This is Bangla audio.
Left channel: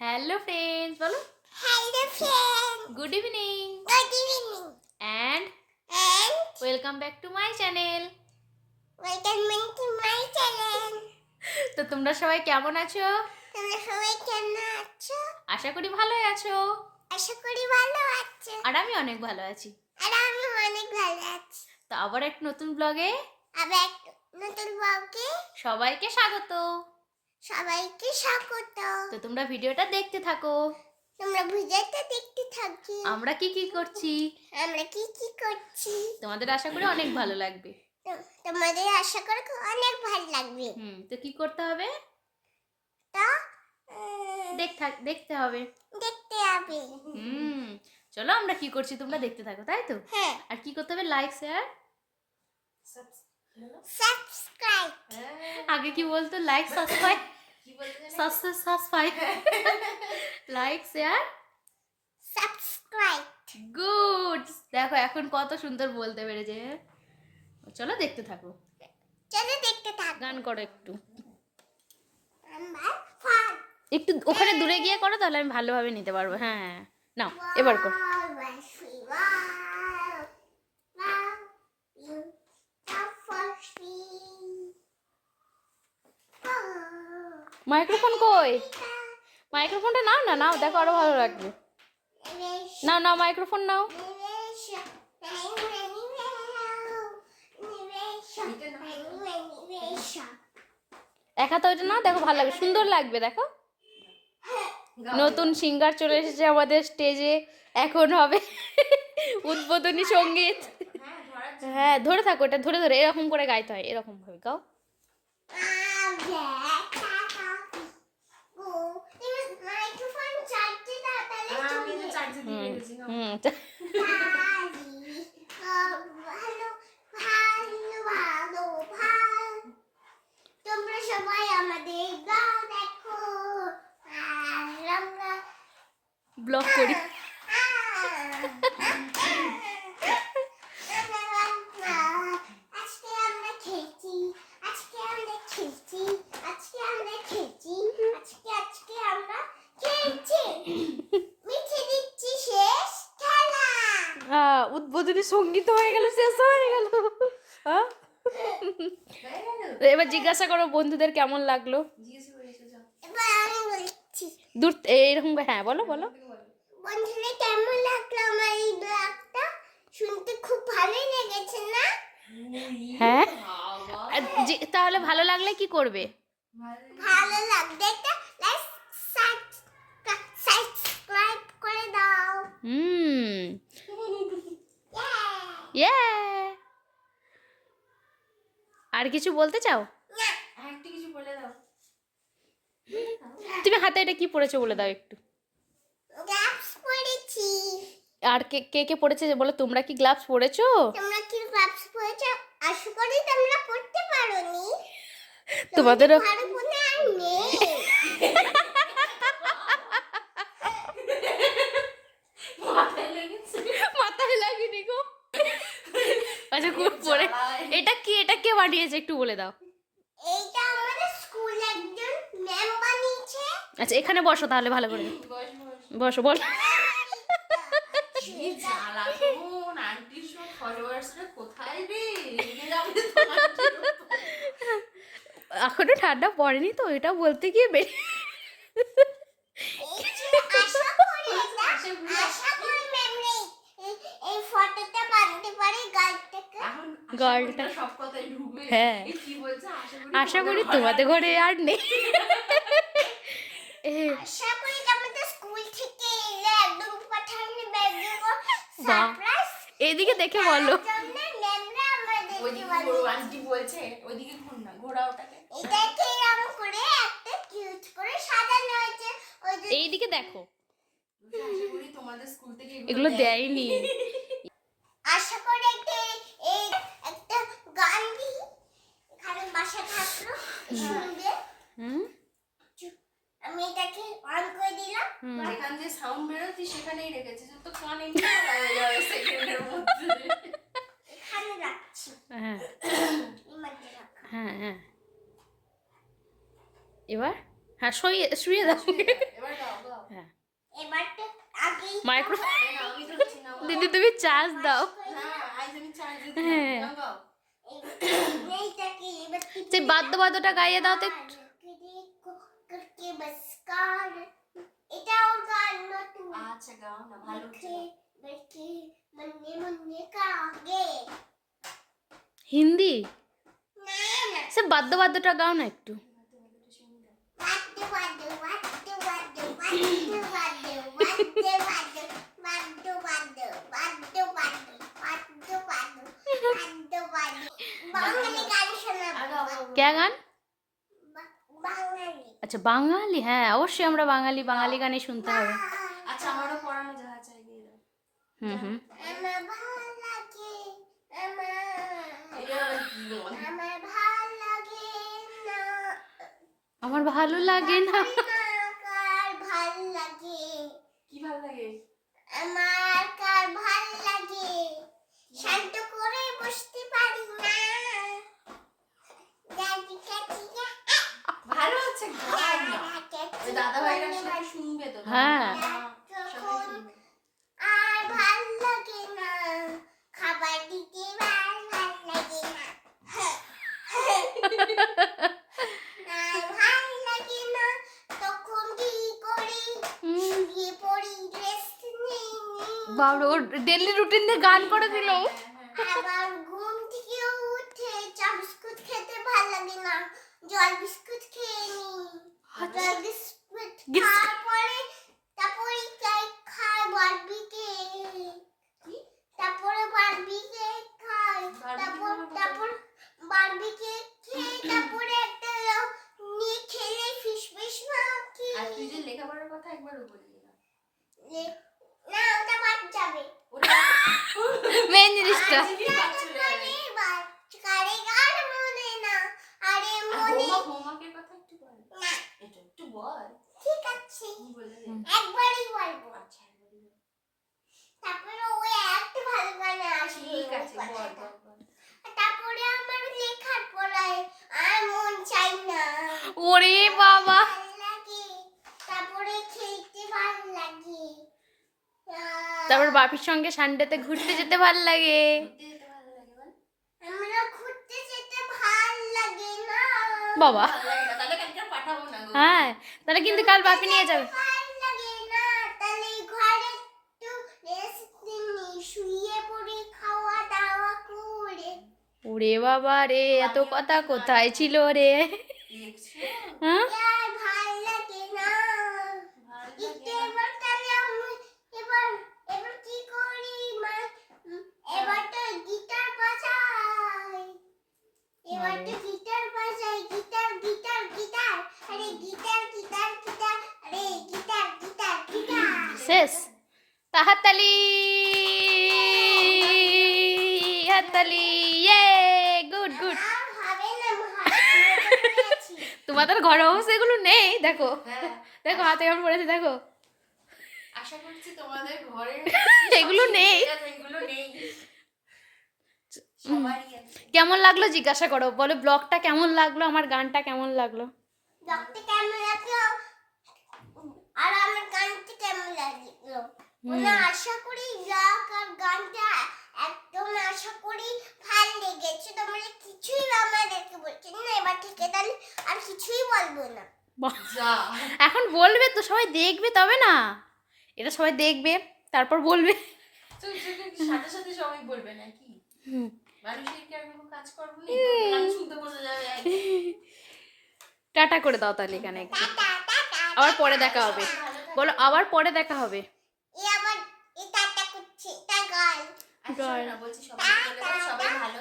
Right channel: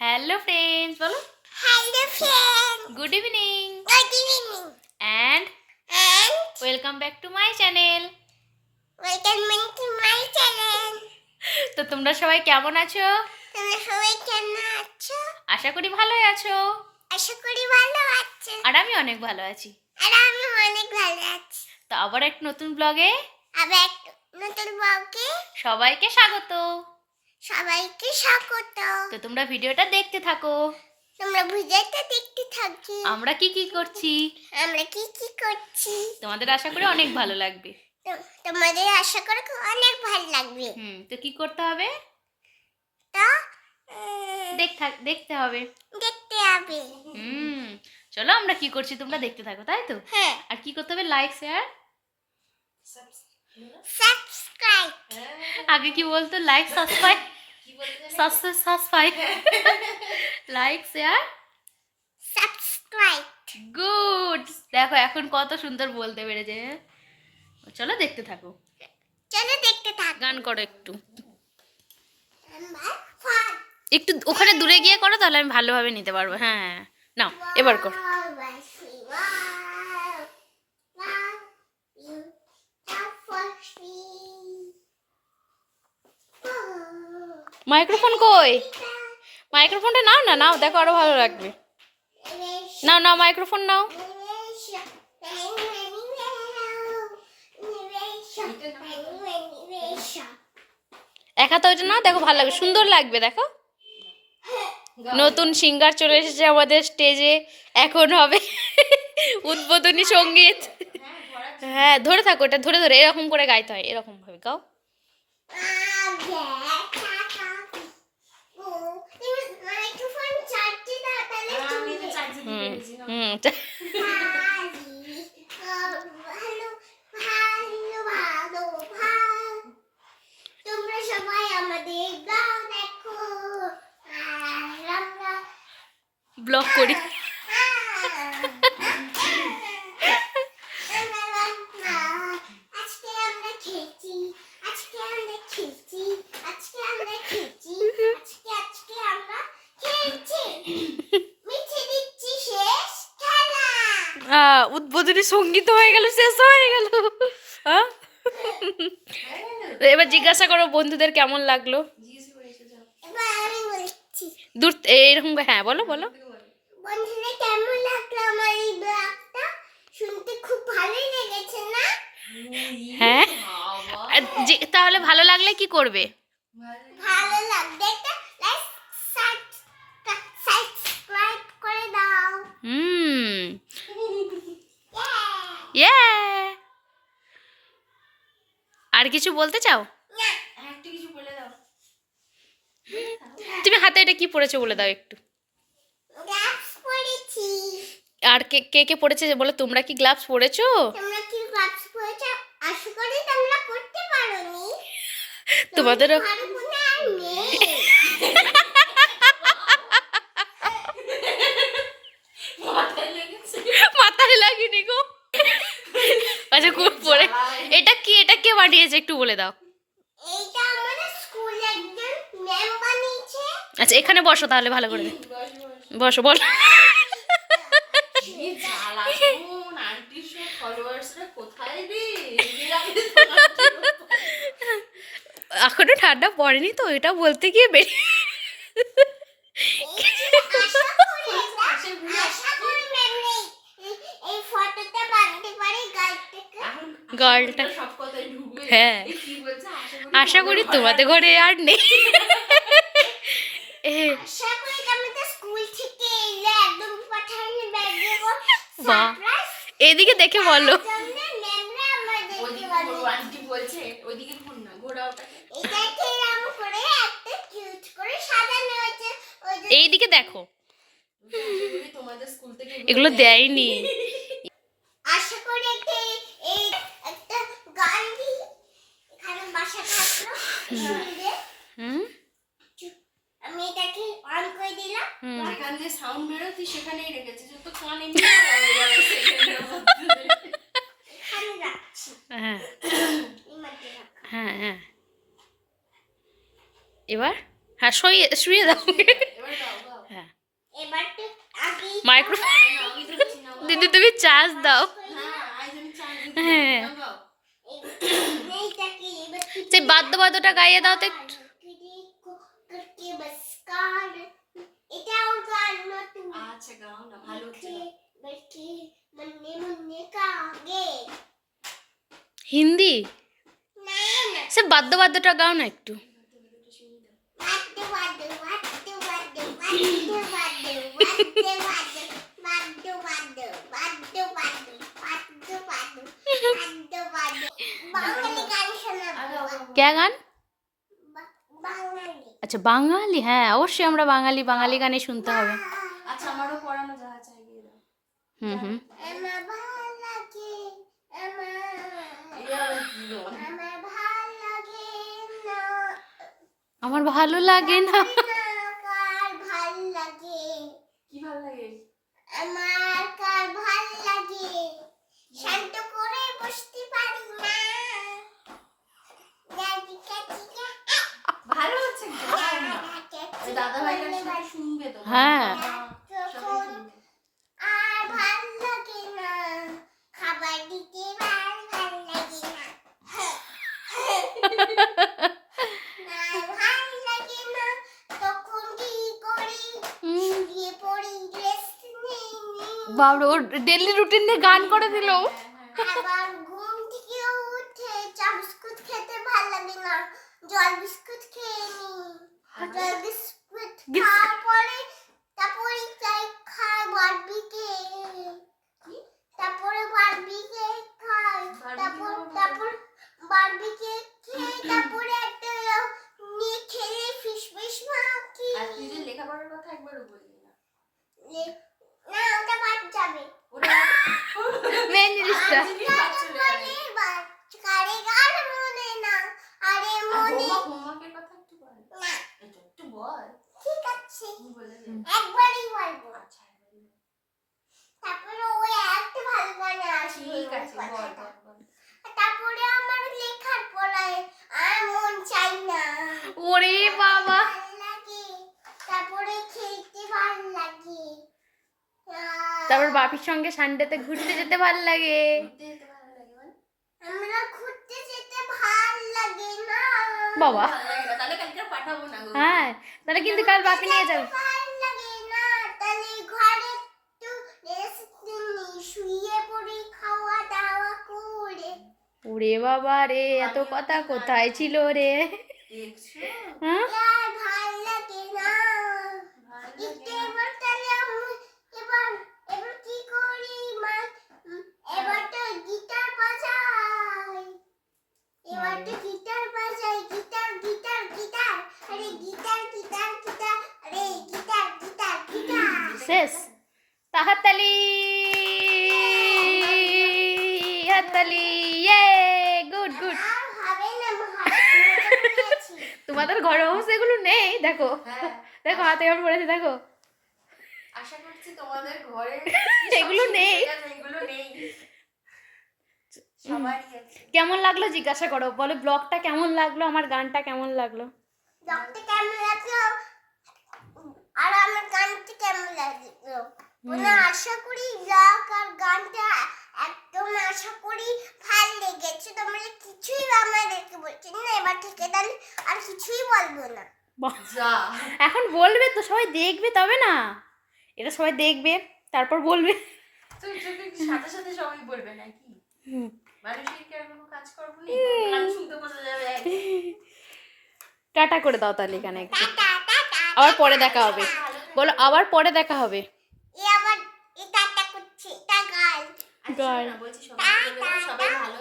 হ্যালো ফ্রেন্ডস, বলো। Hello friend. Good evening Good evening. And And welcome back to my channel. welcome to my channel. তো তোমরা সবাই কেমন আছো? তোমরা সবাই কেমন আছো? আশা করি ভালোই আছো। আশা করি ভালো আছো। আর আমি অনেক ভালো আছি। আর আমি অনেক ভালো আছি। তো আবার এক নতুন ব্লগে আবার একটা নতুন ব্লগে সবাইকে স্বাগত। সবাইকে স্বাগত। তো তোমরা ভিডিওটা দেখতে থাকো। তোমরা ভিডিওটা দেখতে থাকি। আমরা কি কি করছি আমরা কি কি করছি তোমাদের আশা করি অনেক ভালো লাগবে। তোমাদের আশা করি অনেক ভালো লাগবে। তো কি করতে হবে? তো দেখতে হবে। দেখতে হবে। চলো আমরা কি করছি তোমরা দেখতে থাকো, তাই তো? হ্যাঁ। আর কি করতে হবে? Like, share, subscribe. আগে কি বলতো? Like, subscribe, subscribe, like, share, subscribe. Good. দেখো এখন কত সুন্দর বলতে পেরেছে। চলো দেখতে থাকো। চলো দেখতে থাক। গান করো একটু নাম্বার 5 একটু ওখানে দূরে গিয়ে করো, তাহলে আমি ভালোভাবে নিতে পারবো। হ্যাঁ, নাও এবার কর। মাইক্রোফোন কই? মাইক্রোফোনটা নাও না, নাও, দেখো আরো ভালো লাগবে। নাও নাও, মাইক্রোফোন নাও। এক হাতে ওইটা নাও, দেখো ভালো লাগবে, সুন্দর লাগবে। দেখো নতুন সিঙ্গার চলে এসেছে আমাদের স্টেজে। এখন হবে উদ্বোধনী সঙ্গীত। হ্যাঁ, ধরে থাকো, এটা ধরে ধরে এরকম করে গাইতে হয়, এরকম ভাবে গাও। তোমরা সবাই আমাদের ব্লগ দেখো। ব্লগ করি। উদ্বোধনী সঙ্গীত হয়ে গেল, শেষ হয়ে গেল। এবার জিজ্ঞাসা করো বন্ধুদের কেমন লাগলো। দূর এইরকম, হ্যাঁ বলো বলো। বন্ধুদের কেমন লাগলো আমার এই ব্লগটা? শুনতে খুব ভালোই লেগেছে না? হ্যাঁ, তাহলে ভালো লাগলে কি করবে? ভালো লাগলে একটা লাইক সাবস্ক্রাইব করে দাও। ইয়ে, আর কিছু বলতে চাও? তুমি হাতে এটা কি পড়েছো বলে দাও একটু। গ্লাভস পরেছি। আর কে কে কে পড়েছে বলো? তোমরা কি গ্লাভস পরেছো? তোমরা কি গ্লাভস পরেছো? আশা করি তোমরা পড়তে পারোনি। তোমাদেরও ভালো মনে আর নেই। মাথায় লাগেনি গো। আচ্ছা খুব পরে। এটা কি, এটা কে বানিয়েছে একটু বলে দাও। এইটা আমাদের স্কুলে একজন ম্যাম বানিয়েছে। আচ্ছা এখানে বসো তাহলে ভালো করে। বসো, বলো। এখনো ঠান্ডা পড়েনি তো, এটা বলতে গিয়ে বেরিয়ে গার্লটা। হ্যাঁ, আশা করি তোমাদের ঘরে আর নেই। বাহ, এদিকে দেখে বলো। এইদিকে দেখো, এগুলো দেয়নি। আশা করি একটা গান দিই এখানে বাসা থাকলো। আমি এটাকে অন করে দিলাম। এখান দিয়ে সাউন্ড বেরোচ্ছে, সেখানেই রেখেছি, তো কানে এখানে রাখছি। হ্যাঁ হ্যাঁ হ্যাঁ, এবার হ্যাঁ শুয়ে দাও। মাইক্রোফোন দিদি তুমি চার্জ দাও। হ্যাঁ সেই বাদ্যবাদ্যটা গাইয়ে দাও তো একটু। এটাও গান নতুন। আচ্ছা গাও না, ভালো হচ্ছে না। बैठे मन्ने मन्ने कागे হিন্দি ना ना সে বাদ্যবাদ্যটা গাও না একটু। वाद्य वाद्य वाद्य वाद्य वाद्य वाद्य वाद्य वाद्य वाद्य वाद्य वाद्य वाद्य वाद्य वाद्य बांगली गान শোনাবো কে গান? বাঙালি আচ্ছা বাঙালি, হ্যাঁ অবশ্যই আমরা বাঙালি, বাঙালি গানে শুনতে হবে। আচ্ছা আমারও পড়ানো যাহা চাই গিয়ে দাও। হুম আমার ভালো লাগে আমার এটা আবার কি গান? আমার ভালো লাগে না আমার ভালো লাগে না। কার ভাল লাগে কি ভালো লাগে? আমার কার ভাল লাগে শান্ত করে বসতে পারি না দাদি কাকি ভালো হচ্ছে গাও না। এই দাদা ভাইরা সবাই শুনবে তো। হ্যাঁ। সবাই শুনবে। আর ভাল লাগে না খাবার দিতে ভাল লাগে না আর ভাল লাগে না তখন কি করি শুয়ে পড়ি রেস্ট নেই বাবা ওর ডেইলি রুটিনে গান করে দিল। আবার ঘুম থেকে উঠে চা বিস্কুট খেতে ভাল লাগে না জল বিস্কুট খেয়ে নি জল বিস্কুট খাওয়ার পরে তারপরে চাই খাই বারবিকে তারপরে বারবিকে খাই তারপর বারবিকে খেয়ে তারপরে একটা নিয়ে খেলে ফিশ ফিশ মাখি আর তুই যে লেখাপড়ার কথা একবারও বললি না। না ওটা বাদ যাবে ওটা মেন জিনিসটা কারে গান মনে না আরে মনে হোমওয়ার্কের কথা একটু বল। না এটা একটু বল। ঠিক আছে কি বলে দে। একবারই বলবো আচ্ছা একবারই বল। তারপরে ওই একটা ভালো গান আসবে ঠিক ওই আছে বল কথাটা। বল বল। তারপরে আমার লেখার পড়ায় আর মন চাই না ওরে বাবা ভাল লাগে তারপরে খেলতে ভাল লাগে তারপর বাপির সঙ্গে সানডেতে ঘুরতে যেতে ভালো লাগে। ঘুরতে যেতে ভালো লাগে বল। আমরা ঘুরতে যেতে ভাল লাগে না বাবা ভালো লাগে না, তাহলে কালকে আর পাঠাবো না গো। হ্যাঁ তাহলে কিন্তু কাল বাপি নিয়ে যাবে। ভাল লাগে না তাহলে ঘরে একটু রেস্ট নিই শুয়ে পড়ে খাওয়া দাওয়া করে ওরে বাবা রে এত কথা কোথায় ছিল রে? দেখছো? হ্যাঁ আর ভাল লাগে না ভালো একটু লাগে না। এবার তাহলে আমি এবার কি করি এবার তো গিটার বাজাই এবার তো গিটার বাজাই গিটার গিটার গিটার আরে গিটার গিটার গিটার আরে গিটার গিটার গিটার শেষ। তা হাততালি হাততালি ইয়ে গুড গুড। আর হবে না মজা করেছি তোমাদের ঘরে অবশ্য এগুলো নেই, দেখো হ্যাঁ, দেখো হাতে কেমন পড়েছে দেখো। আশা করছি তোমাদের ঘরে এগুলো নেই। এগুলো নেই। সবারই আছে। কেমন লাগলো জিজ্ঞাসা করো, বলো ব্লগটা কেমন লাগলো, আমার গানটা কেমন লাগলো। দেখতে কেমন লাগলো আর আমার গানটা কেমন লাগলো বলে আশা করি ব্লগ আর গানটা একদম আশা করি ভালো লেগেছে তোমরা কিছুই আমাদেরকে বলছেন না এবার থেকে তাহলে আর কিছুই বলবো না বাহ, যা এখন বলবে তো সবাই দেখবে তবে না, এটা সবাই দেখবে তারপর বলবে। তুই সাথে সাথে সবাই বলবে নাকি? হুম। মানুষের কি আর কোনো কাজ করবো নেই? গান শুনতে বসে যাবে একদম। টাটা করে দাও তাহলে এখানে একটু। টাটা টাটা আবার পরে দেখা হবে, বলো আবার পরে দেখা হবে। আবার এই টাটা করছে এটা গাল আচ্ছা, না, বলছি সবাই বলে দাও, সবাই ভালো